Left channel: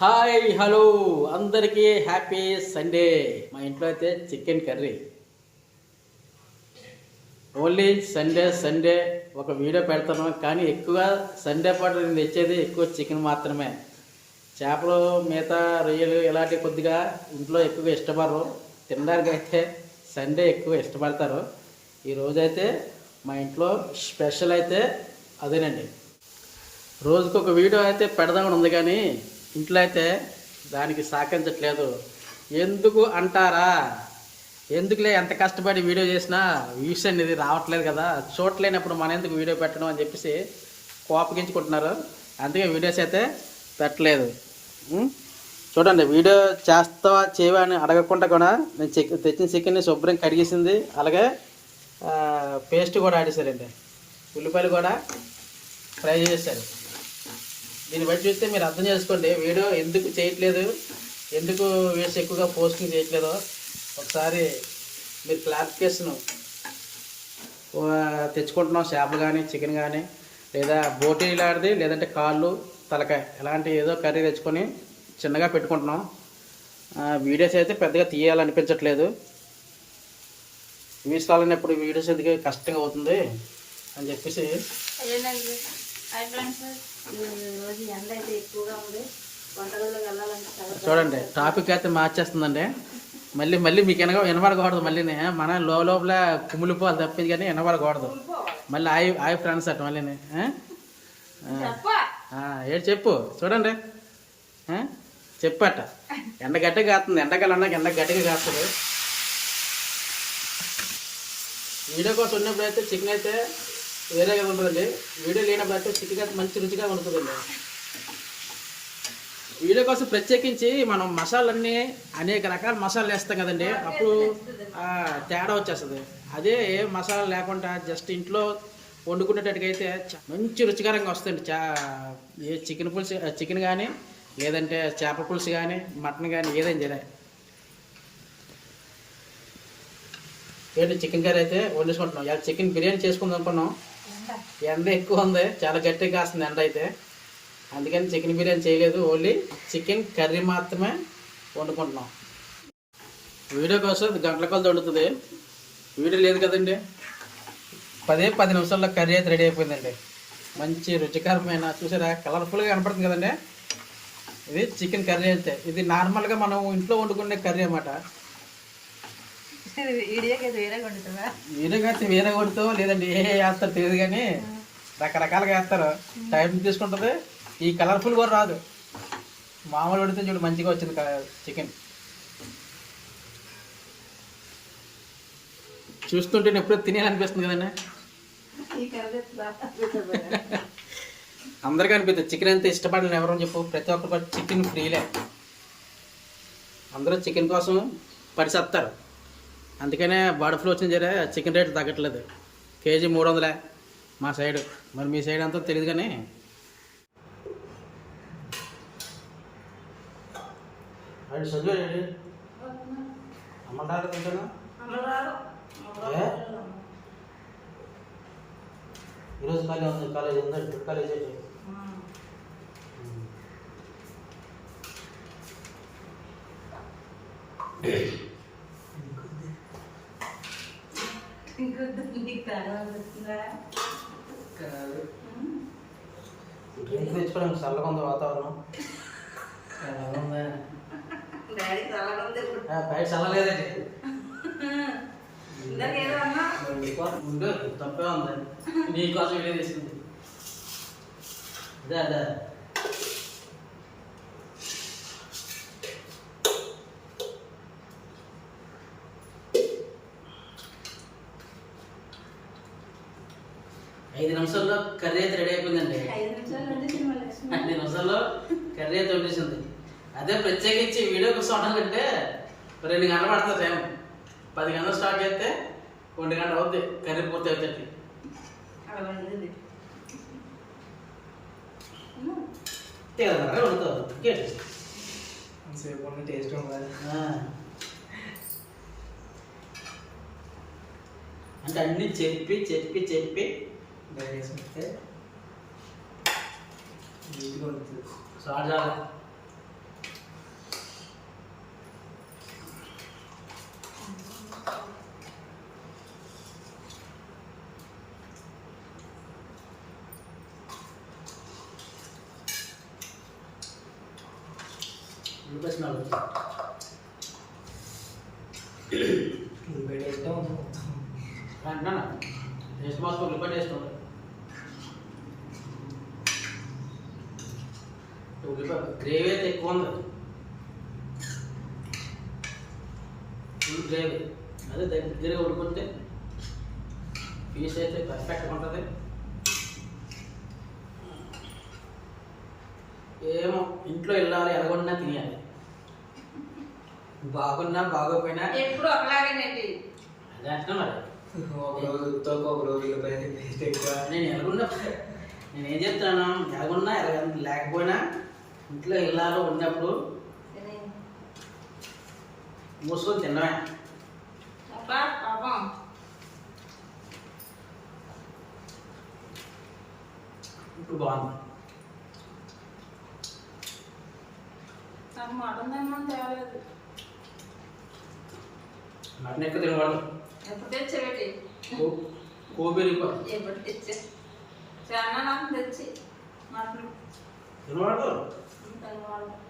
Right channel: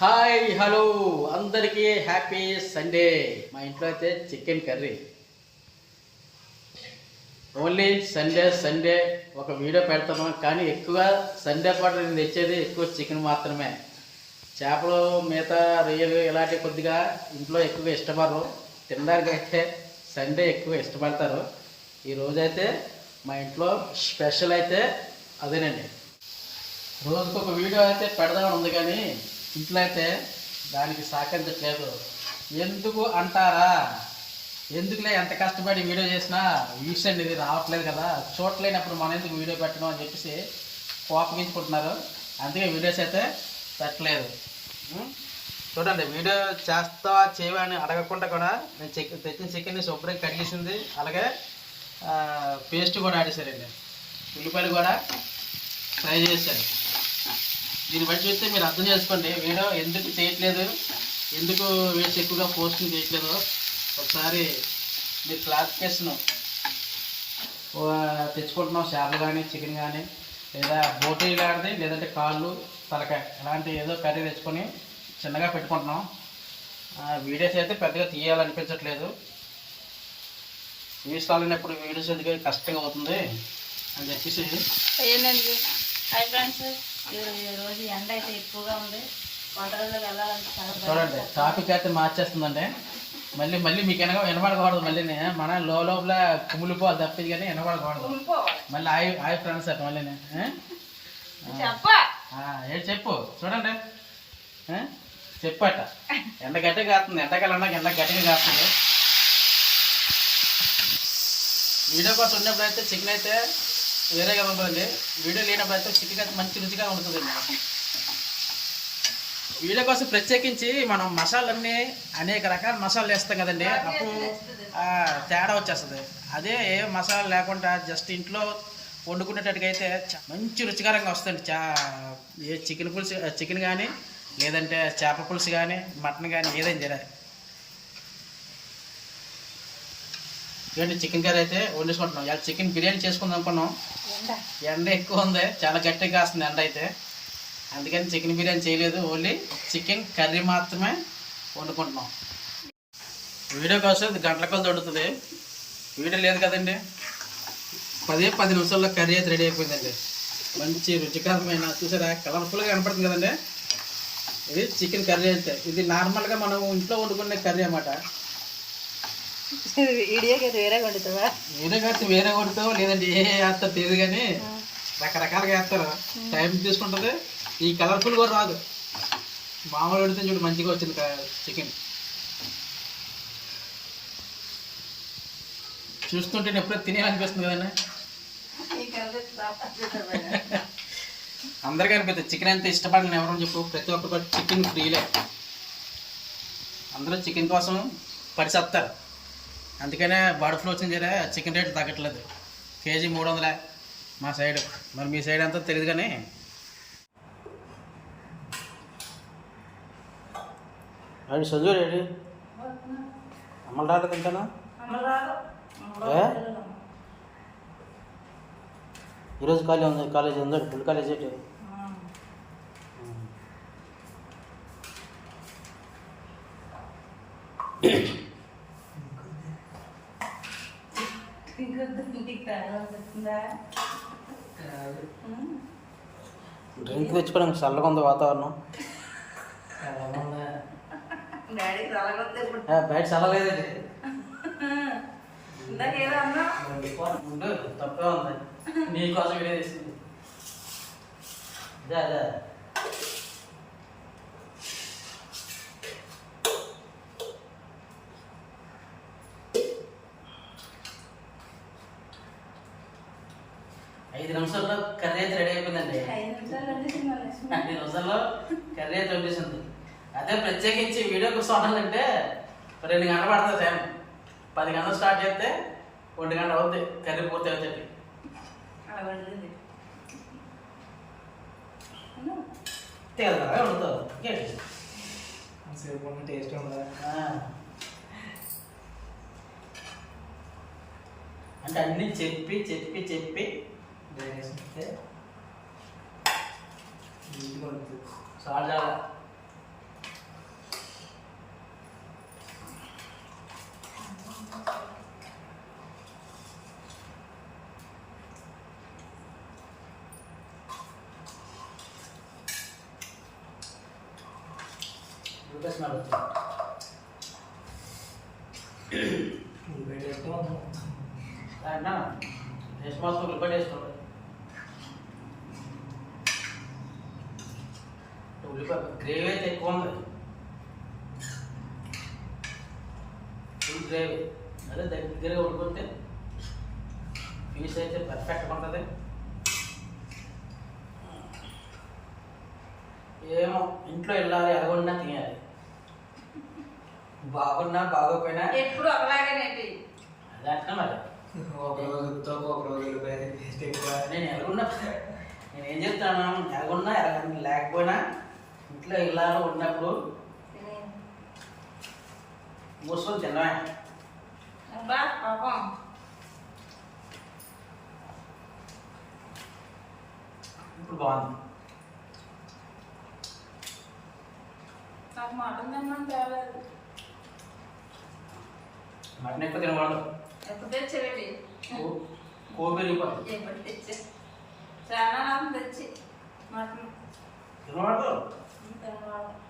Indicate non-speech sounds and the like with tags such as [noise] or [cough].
Hi hello. అందరికీ happy Sunday. మా ఇంట్లో అయితే chicken curry. Only Sunday Sunday ఒక వీడియో పెడతాను. కానీ ఎక్కువగా సండే పాటు నేను తెచ్చేది ఎక్కువ చికెన్ మాత్రమే. చేపలు మిగతా రొయ్యలు ఇలాంటి కొద్దిగా ఇంట్లో ఎక్కువగా ఇష్టపడరు. తినడానికి అయితే సండే ఎక్కువ ఇష్టపడతారు. ఈరోజైతే మా ఇంట్లో స్పెషల్ అయితే అదేనండి. రోజుకు ఒక వీడియో అయితే పెడదామని ఉంది కానీ ఇంట్లో అయితే దానికి సహకరించట్లేదు ఎందుకు అంటారా? ఎందుకులే ఎంత కష్టపడి వీడియో చేసినా వ్యూస్ అనేది రావట్లేదు కదా. చూడలేనప్పుడు మన ఎందుకు వీడియో పెట్టడం అని చెప్పేసి కోపగించుకుంటున్నారు. అందుకే వీడియోస్ అయితే పెట్టలేదు. చూడండి వీడియో చేస్తావా చేయవా అని అడగకుండా కూడా నేను చికెన్ తెచ్చిన చికెన్ని శుభ్రం కడిగేసింది. అలాగే పేస్ట్ కూడా ఆడేశారండి. ఉల్లిపాయలు కూడా ఫ్రై చేశారు. దీన్ని బట్టి చూస్తే మీరు అర్థం చేసుకోండి. వీడియో ఎందుకు చేయట్లేదు? ఎందుకు వేసి ఎక్కువగా పోస్టింగ్ చేయట్లేదో ఒకసారి మీరు క్లారిఫికేషన్ తెచ్చుకుంటున్నాం. చేపలు కానీ చికెన్ కానీ లేదా బోటీ లాంటిది లేదంటే కాళ్ళు తలకాయ ఇలాంటి ఏదో కర్రీ తెచ్చుకొని చిన్నగా పెట్టుకుంటున్నాం. వీడియోస్ అయితే పెద్దగా తీయాలనిపించట్లేదు. వ్యూస్ కావాలన్నప్పుడు వీడియోస్ ఎందుకు కష్టంగా అవుతుంది అని చెప్పేసి హాయ్ ఫ్రెండ్స్ ఎండ అయితే ఎక్కువగా ఉంది. వంటగదిలోకి వెళ్ళాలంటే చాలా. చూడండి టాపిక్ అయితే మార్చేస్తుందండి. మళ్ళీ మళ్ళీ మీకు వెనక వినపడకూడదు మళ్ళీ మన లో లోపల కుమిలిపోవాలి తప్పింది కానీ వినపడకూడదు. మళ్ళీ ఆయి ఆయి ఫ్రెండ్స్ అట్ట మళ్ళీ ఏంటి చెప్పు. చూడండి? చెప్పట. ఎండ గట్టిగా కాస్తుంది. ఎండకాలం ఎండ గట్టిగా కాస్తుంది. వీడియో కోసం ఉన్నప్పుడు అయితే చికెన్ అయితే వేరేగా ఉంటుందండి. వీడియో లేనప్పుడు అయితే చిటిగా మంచి రుచిగా ఉంటుందండి. వీడియో కోసం ప్రత్యేకించి మనం మసాలన్నీ అనేక రకాల మసాలాలు వేస్తాం కదండి. అప్పుడు తేడా వచ్చేస్తుంది. అదే ఏ మసాలా లేకుండా జస్ట్ ఇంట్లో వండుకునేటట్టుకైతే మంచి రుచికరంగా వస్తుంది చా ఏ చికెన్ పులుసు చికెన్ కానీ లేదంటే చేప పులుసు కానీ మటన్ కానీ ఏదైనా సరే. ఏంటి చికెన్ కర్రీ అయితే వండేసుకుంటున్నాం. ఇవాళ చికెన్ బిర్యానీ చేసుకుందాం అనుకున్నాం. ఎండ ఎక్కువ ఉంది. చాలా గట్టిగా కాస్తుంది ఎండ అయితే. అందుకని చికెన్ బిర్యానీ చేయలేదు. ఓన్లీ చికెన్ కర్రీ మాత్రమే వండుకుంటున్నాం. వీడియో కోసం గంటల కొలది వండుతుంది. వీడియో లేదు కదండి. పదే పది నిమిషాల్లో కర్రీ అయితే రెడీ అయిపోయిందండి. మంచి రుచికరమైన చూసారా? కలర్ఫుల్గా కనపడుతుంది కదండి. ఇది చికెన్ కర్రీ అయితే. ఇది నార్మల్గా మనం ఇంట్లో వండుకునే కర్రీ అన్నమాట. వేరే వండుతావా? వేరే కడితే వేరే కొడుతావు లేదంటే ఏ వేస్తారు తెలియదు కానీ రకరకాలుగా వేస్తారు. టైం తీసుకుంటుంది. ఈ కలర్ఫుల్ కూడా రాదు. మామూలు వండితే చూడు మంచిగా వచ్చింది చికెన్ చూస్తుంటే ఎప్పుడో తినేయాలనిపిస్తుంది కదండి? [laughs] అందరికీ అనిపిస్తుంది. చికెన్ అంతే ఇష్టపడని ఎవరో చెప్పు. ప్రతి ఒక్కరు చికెన్ ఫ్రీలే అందరూ చికెన్ కోసం పరిసత్తారు అందుకనే బర్డ్ ఫ్లూ వచ్చింది జరే చికెన్ రేట్ తగ్గట్లేదు. కేజీ మూడు వందలే మా సైడ్. మరి మీ సైడ్ అంతా తెలియదు కానీ. Ready Sanju ready? అమ్మలు రాదు? ఈరోజు కాలేజ్ ఉంది. కాలేజ్ ఉంది ఫుల్ కాలేజ్ ఏంటి డ్రింక్ తెచ్చుకోవడానికి చల్లగా ఉంది వాతావరణం. బయట ఉండు తప్పే ఉంది. నీకోసం వీడియో తీస్తుంది. అదే అదే ఐదు నిమిషాల్లో కర్రీ అయితే రెడీ అయిపోయిందండి. ఐదు నిమిషాల్లో కర్రీ అయితే వండేసింది. అదే ప్రత్యేకించి వీడియో కోసం వండాలంటే రెండు గంటలు పడుతుంది టైం పది గంటలు స్టార్ట్ చేస్తే ఒంటి గంట అవుద్ది. కర్రీ పూర్తి అవుతుంది. వండుతావు? సేపు టేస్ట్. అంటే అన్ని చెప్పి చెప్పి చెప్పి డైరెక్షన్ ఇస్తే నీట్గా ఉంటుంది సార్ చాలా లొకేషన్ అడుగుతుంది టేస్ట్ మాత్రం రిపేర్ చేసుకుంటాం ఉల్లిపాయ గ్రేవీ అయితే ఎక్కువ ఉంది ఫుల్ గ్రేవీ. అదే దగ్గరగా ఉడిపోతే పీస్ అయితే పర్ఫెక్ట్గా ఉంటుంది. ఏమో ఇంట్లో వెళ్ళాలి ఎలాగొన్నా తినాలి బాగున్నా బాగోపోయినా ఎప్పుడు ఒకలాగేనేంటి? అదే అంటున్నా మరి. ఒక రోజు ఒక రోజు నేను ఎలాగున్నా నేను ఏం చెప్తాను? ఎలాగున్నా ఎలాగ లేకపోయినా ఇంట్లో ఇల్లాలో ఉన్నప్పుడు. మూసుకొని తినమే అబ్బా పాపం. ఇప్పుడు బాగుంది. నాకు మటన్ తినమని తేలేదు. మటన్ ఎక్కువ తినకూడదు. ఎప్పుడు తెచ్చేవేటి కో- కోపి వెళ్ళిపోతుంది ఎప్పుడు తెచ్చే చాలా నాకు తెచ్చి మటన్. తినకూడదు. Chúng.